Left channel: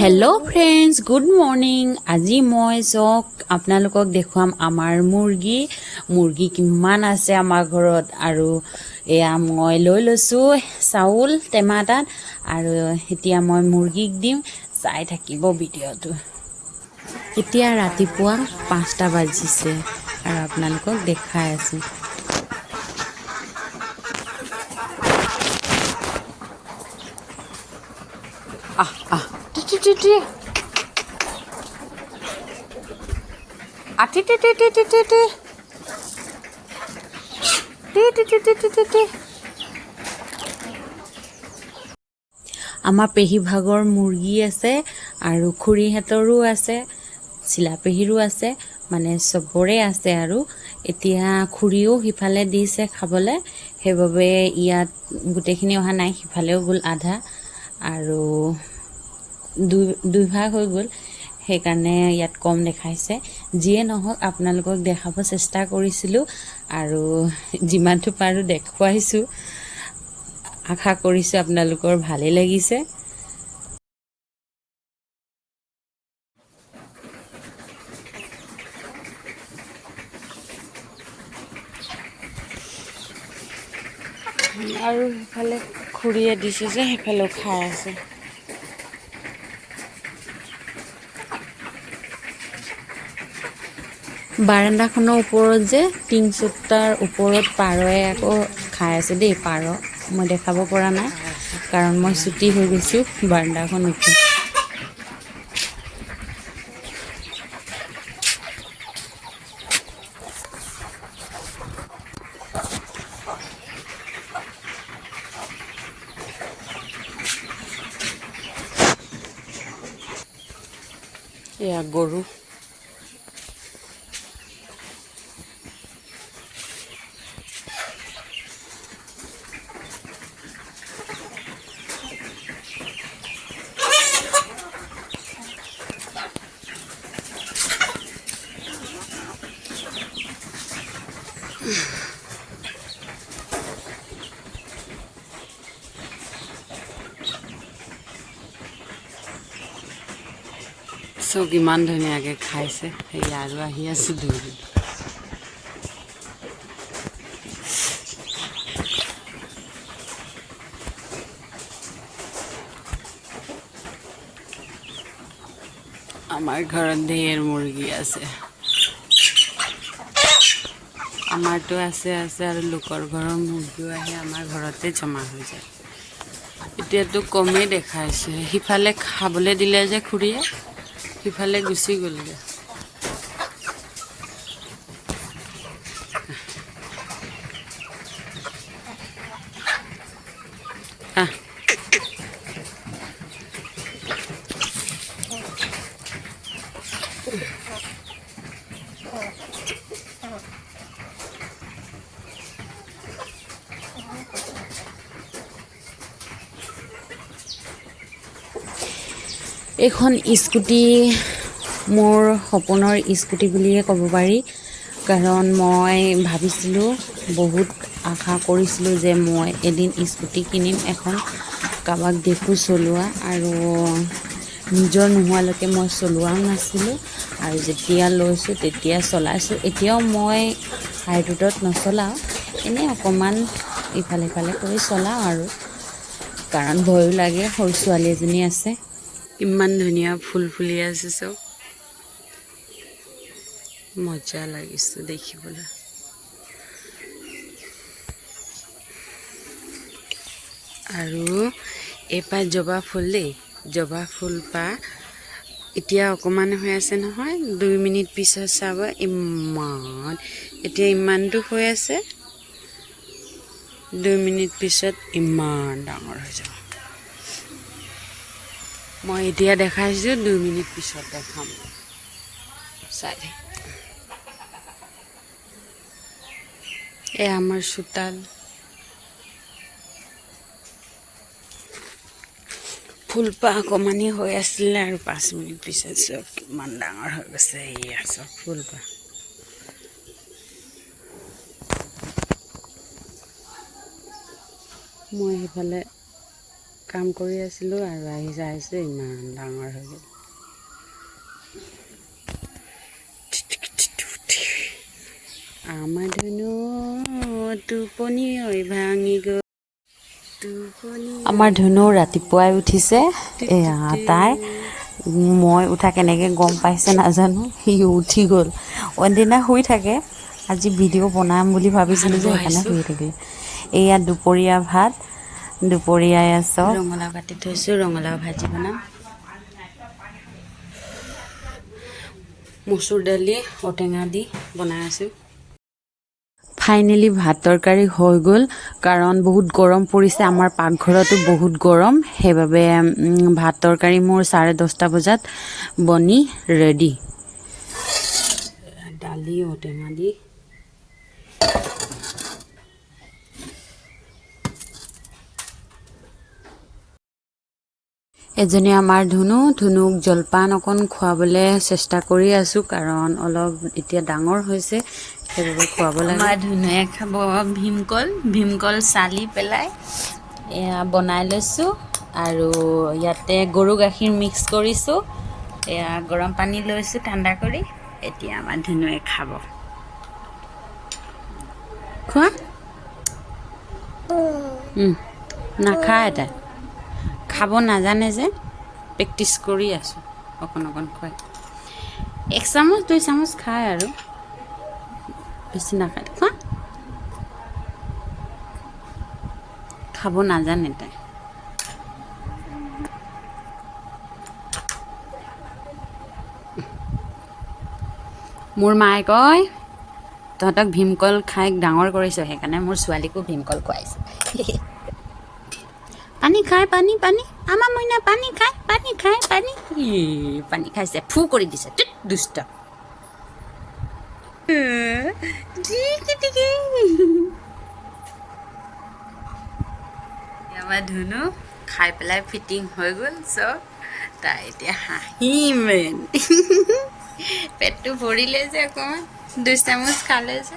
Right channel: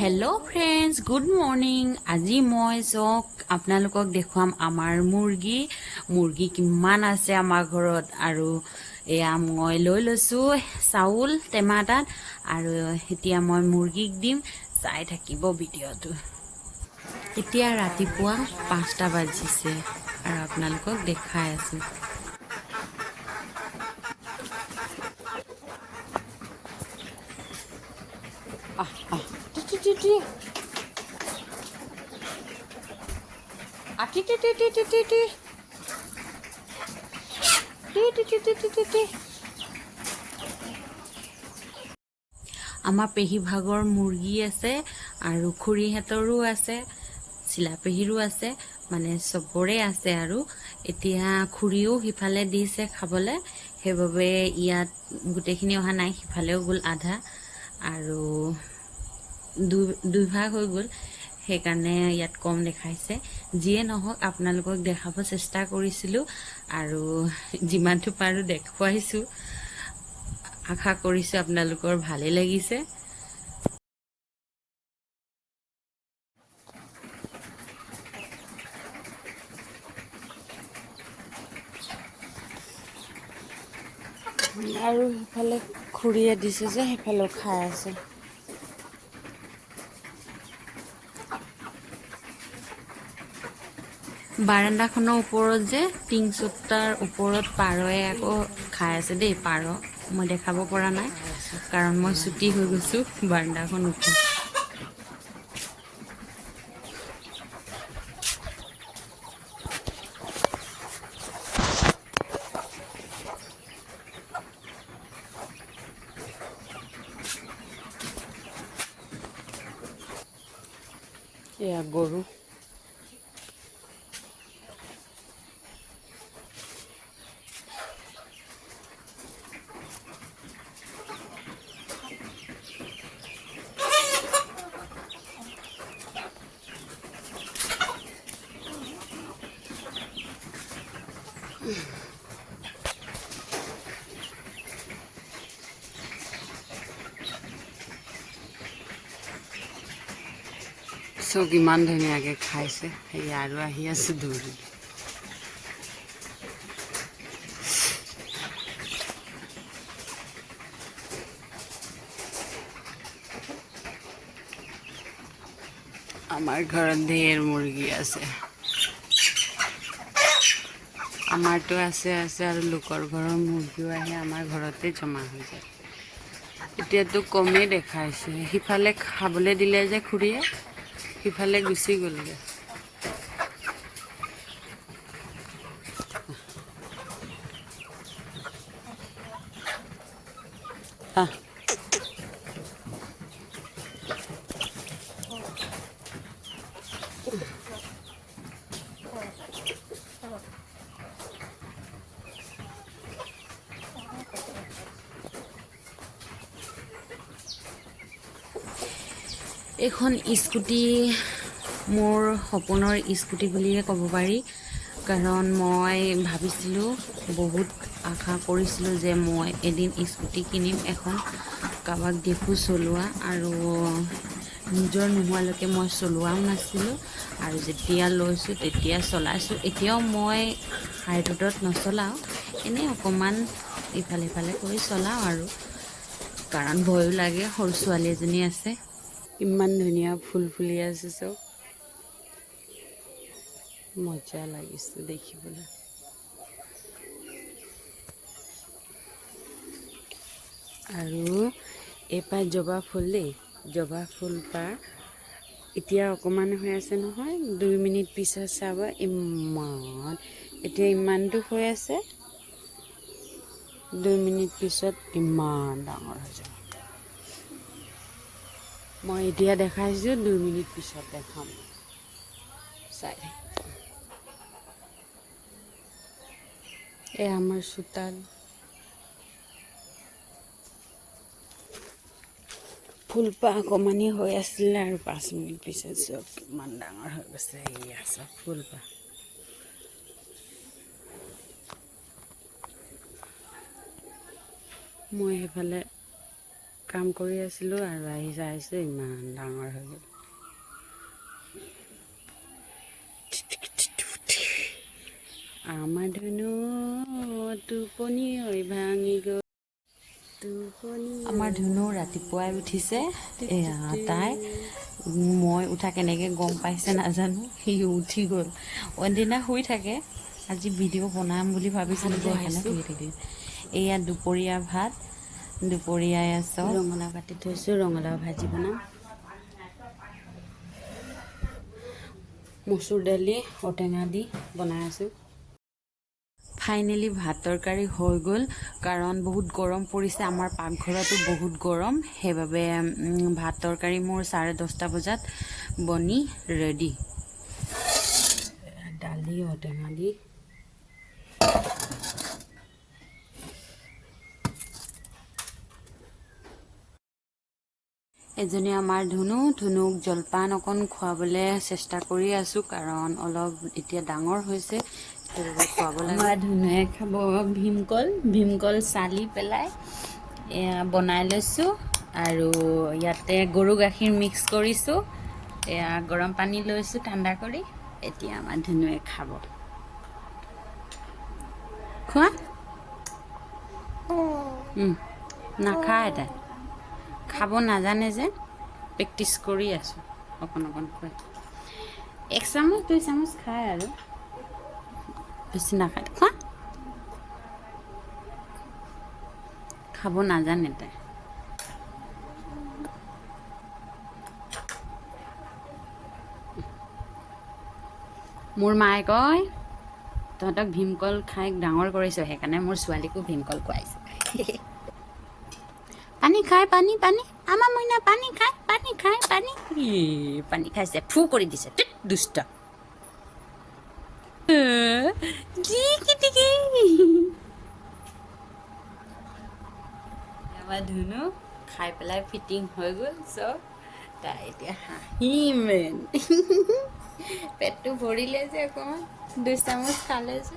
Hello friends, good morning. আজি মই চক আপোনালোকক দেখুৱাম আমাৰ মুৰ্গী কিমান আছে আমাৰ ঘৰত আৰু এয়া মই লৈ লৈছো চাউল টেমাটাত আৰু এতিয়া মই মুৰ্গীক দিম চাই থাকিব ভিডিঅটো। এতিয়া ৰাতিপুৱা 5টা বাজিছে আৰু আপোনালোকক দেখাই আছো। আমাৰ পেহী ভাগৰ মুৰ্গী আছে আৰু খুৰীহঁতৰো আছে, চিলা পেহীৰো আছে, মানে চবৰে আছে আৰু এতিয়া খুৰীও সিফালে দিছে খাবলৈ, সেইবাবে ইয়াত গোটেইখিনি অহা নাই, সিফালেও গ'ল আধা আৰু দুই ভাগ হৈ গ'ল, সেইকাৰণে ইয়াত কম দেখাইছে। যিয়ে নহওক আপোনালোকক দেখাব চেষ্টা কৰিছিলোঁ আৰু যিমানটো পাৰোঁ দেখুৱাইছোঁ। আশা কৰিছোঁ আপোনালোকৰ ভালে লাগিছে। আৰু সেইফালে খুৰীয়ে দিছে যে সেইফালেও খাই আছে। বাৰাণ্ডাখনৰ ওপৰত যে টিং চোটাৰ ওপৰত পাৰয়ে আকৌ খাই আছে দেই। পাৰ মই দেখাব পৰা নাই কাৰণ মই ছুটি হৈ গৈছোঁ বাৰাণ্ডাখন ওপৰত। এয়া গৰু। চব ইমান ধুনীয়াকৈ খাইছে, সেই আৰু আহি আছোঁ দৌৰি। আমাৰ ঘৰত ঢেৰ মুৰ্গী আছে, আমাৰতো আছে আৰু লোকৰ ঘৰৰ মুৰ্গীও আহি আমাৰ ঘৰতে জমা হৈ যায়। এতিয়াতো কমেই দেখাইছে, সিফালে খাবলৈ দিলে যে খুৰীয়ে, সিফালে গুচি গ'লগৈ। এইখন স্কুটি মোৰ সপোনৰ স্কুটি বুলিয়ে ক'ব পাৰি, কাৰণ মই ভাবিছিলোঁ, বহুত আশা কৰিছিলোঁ যে মই এদিন স্কুটি কিনিম এখন, কাৰোবাক দেখোঁ চলোৱা আৰু নিজৰ নোহোৱালৈকে মই চলোৱাও নাছিলোঁ আৰু যেতিয়া লৈছোঁ তেতিয়া চলাইছোঁ। এতিয়াও মই হাই ৰোডত নচলাওঁ, এনেই অকণমান ইফালে সিফালে কৰি চলাওঁ আৰু, কাৰণ ভয়ো লাগে, সৰু ছোৱালী এজনী আছে। ইমান ধুনীয়া ফুল ফুলি আছে, চব মজা লাগিছে দেখিবলৈ। আৰু এইপাহ জবা ফুল দেই, জবা ফুলপাহ এতিয়া অকণমান হৈ আছে নহয়, 2 মিনিট পিছত চাব ইমান, এতিয়া ইমানটো হৈ আছে, 2 মিনিট পিছত ইমান ডাঙৰ হৈ যাব। মই এতিয়া দেখাইছোঁ, 2 মিনিট পিছত দেখাম, চাই দে। আমাৰ চোতাল, ফুলপাহ অকণমানি হৈ আছিলে আৰু 5 মিনিট পিছত চব কিমান ডাঙৰ হৈ গৈছে। এয়া চব ফুলপাহ। মই সেইফালে কাম কৰি আছিলোঁ আৰু আহি চাইছোঁ ইমান ডাঙৰ হৈ গ'ল। আমাৰ ধুনু টোপনি ভাঙি গ'ল। আমাৰ ধুনু ৰাতিপুৱাই উঠিছে। এয়া তাই মই উঠা কেনেকৈ গম পাইছে নাজানো, সি উঠি গ'ল। অইনদিনা শুই থাকে, আজি ভিডিঅ' বনাম বুলি ভাবিছিলোঁ যে সেইকাৰণে শুই থাকিলে। এয়া দুপৰীয়া ভাত, দুপৰীয়াই আছোঁ। ৰঙালাও কাটি থৈছোঁ, ৰঙালাও ভাজি বনাম। মচুৰ দালি ঔটেঙা দি বনাই আছোঁ। ফাইনেলি ভাত তৰকাৰী হৈ গ'ল, কাৰণ বহুত গৰম পৰিছে। আমাৰ পাকঘৰতো বহুত গৰম, সেইবাবে ভাত তৰকাৰী মোৰ 10:30 বজাত বনি ৰেডি। দালি ঔটেঙা দি এজনী আমাৰ ধুনুক জলপান অকণ খুৱাবলৈ চেষ্টা কৰি আছোঁ, কাৰণ অলপ এতিয়া ডাঙৰ হৈছে, সেইবাবে খুৱাব লাগে। আমাৰ ধুনুৱে খাব ভীমকল চালি পেলাই এয়া বনাই লৈছোঁ, আৰু ইয়াতে গৰু গাখীৰ মিক্স কৰিছোঁ। এয়া গৰম পানী লৈছোঁ ঠাণ্ডা কৰি, এতিয়া আমাৰ ধুনুৱে খাব। খোৱা নাখায়, তাই খাব নাজানে যে, প্ৰেক্টিচ কৰি আছোঁ অকণ অকণ খুৱাই। 1 চামুচ 2 চামুচ খায় আৰু বেছি নাখায়। খোৱা, খাব নাজানে তাই। মোৰ মায়ে কয় তহঁতক ভীমকল খাই ডাঙৰ কৰিছে, সেইকাৰণে মোৰ ছোৱালীকো ভীমকল খুৱাইছে। পানী খাই, পানী পানী, আমাৰ মইনা পানী খায়, পানী খায়, পানী খাইছে, ফু কৰি দিছে, দুষ্ট। আমাৰ ধুনু খাই পেলাই ফিটিং হৈ গ'ল চব, তাই এতিয়া হাঁহিমেন। পেটটো ভৰিলে যে অকণমান, 2 চামুচ খালে যে।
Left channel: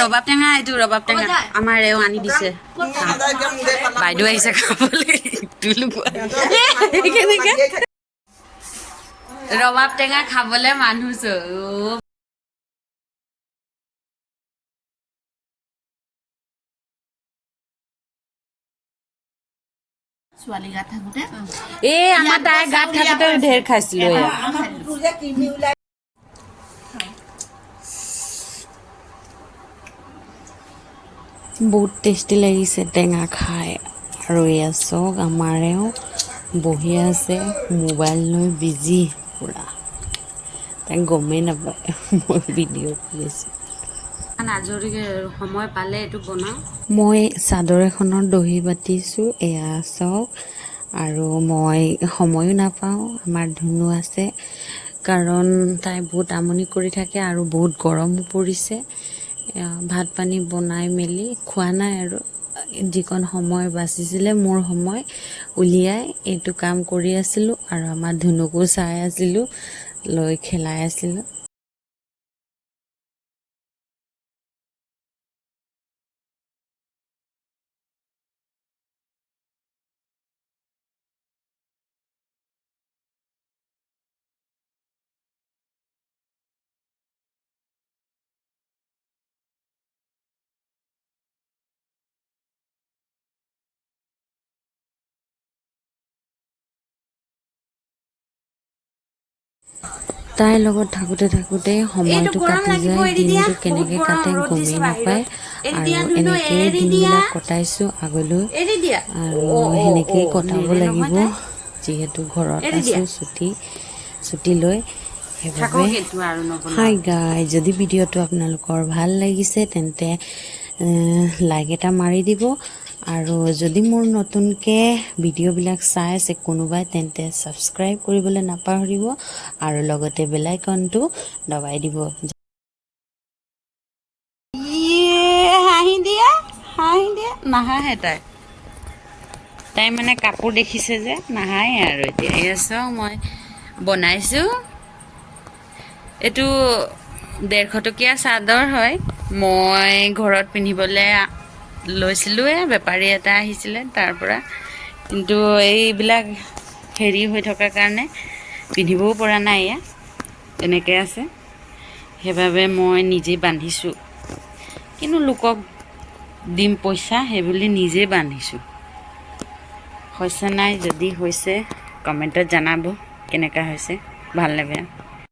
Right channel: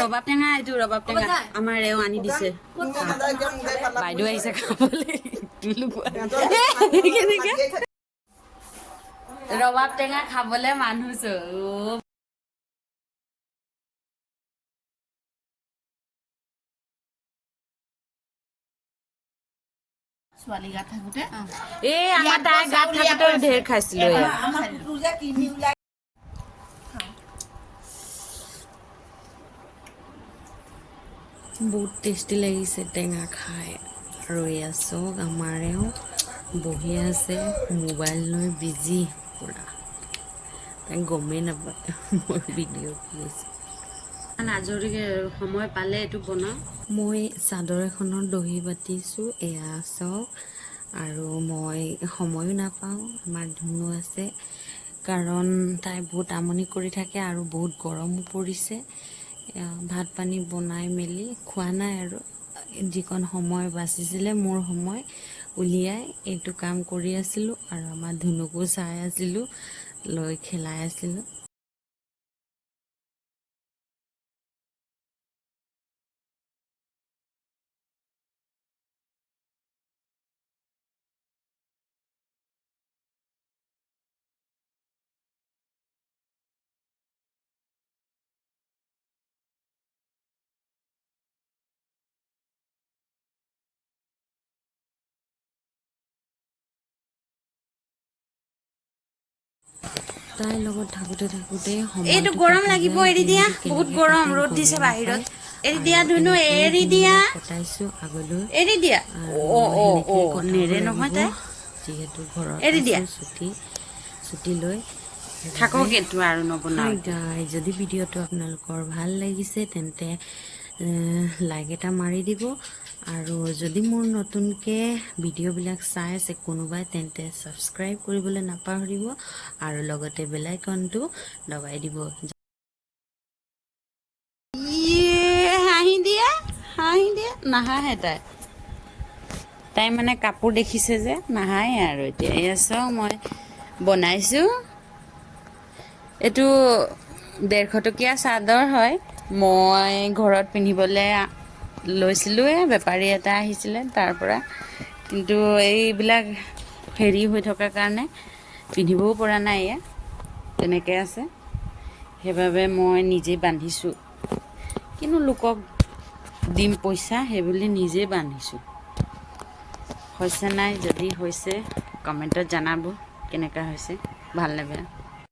ৰবাব টেঙা, এইটো ৰবাব টেঙা আমাৰ এও আনি দিছে। বাইদেউ আহিছে খাবলৈ। ৰবাব টেঙা খাবলৈ মানুহ চব। ছোৱালী গাত থাকোঁতে আমাৰ তাই গাত থাকোঁতে ঢেৰ খাইছিলোঁ। বহুত টেষ্টি লাগিছে টেঙা খাই। আৰু এয়া চাওক, আমাৰেও বহি আছে মোবাইল লৈ বিজি পূৰা, তাই গমেই নাপায় মই ভিডিঅ' কৰি আছোঁ। আজৰি সময় পালে এইটো বনাওঁ। মই চাদৰ এখনত দহি বাতিছোঁ, এয়া চাওক। আৰু মই সময়ো নাপাওঁ, আমাৰ ধুনু আছে, কাৰণ তাই বহুত আমনি কৰি থাকে আৰু বহুত গৰমো পৰিছে। ভাত পানী বনাই মেলি খোৱা নাই, আৰু যিকণ সময় বাচিছিলে মোৰ সময় উলিয়াই এইটো কাম কৰি আছিলোঁ, আৰু আমাৰ ধুনুকো চাই আছিলোঁ, লৈ খেলাই আছিলোঁ। তাইৰ লগত থাকোঁতে থাকোঁতে সময়টো কাটি যায়, দিনটো কেনেকৈ কাটে গমেই নাপায়। আৰু এনেকৈয়ে দিনবিলাক কটাইছোঁ আগলৈ, আৰু সেনেকৈয়ে কটাব লাগিব, যিহেতু ঘৰত আছোঁ ছুটি লৈ। হাই গাই, যদি ভিডিঅ'টো আপোনালোকৰ ভাল লাগিছে তেন্তে লাইক এটা মাৰি দিব, আৰু যদি মোৰ নতুনকৈ ভিডিঅ'বিলাক চাই আছে কোনোবাই তেন্তে ছাবস্ক্ৰাইব কৰিবলৈ নাপাহৰিব, আৰু লগতে বেল আইকনটো দবাই দিব। হাঁহি দিয়ে নাহাঁহে তাই মানে কাপোৰ দেখিছে যে নাহাঁহে। আৰু এতিয়া চাওঁ মই বনাইছোঁ, এইটো 150 টকীয়া চাদৰ হয় মই ঘৰত পিন্ধিবলৈ লৈছিলোঁৱে বেপাৰী এটা আহিছিলে তাৰ পৰা কিন্তু এইবিলাক হেৰি হৈ থকাৰ কাৰণে পিন্ধিবও পৰা নাই এয়া তেনেকৈ আছে সেইবাবে মই নিজে বান্ধিছোঁ কিন্তু লোকক দিম পইচা সেইবুলি নিজে বান্ধিছোঁ হৈছে নাই যদি হৈছে কমেণ্টত জনাব কেনেকুৱা হৈছে ভাল লাগে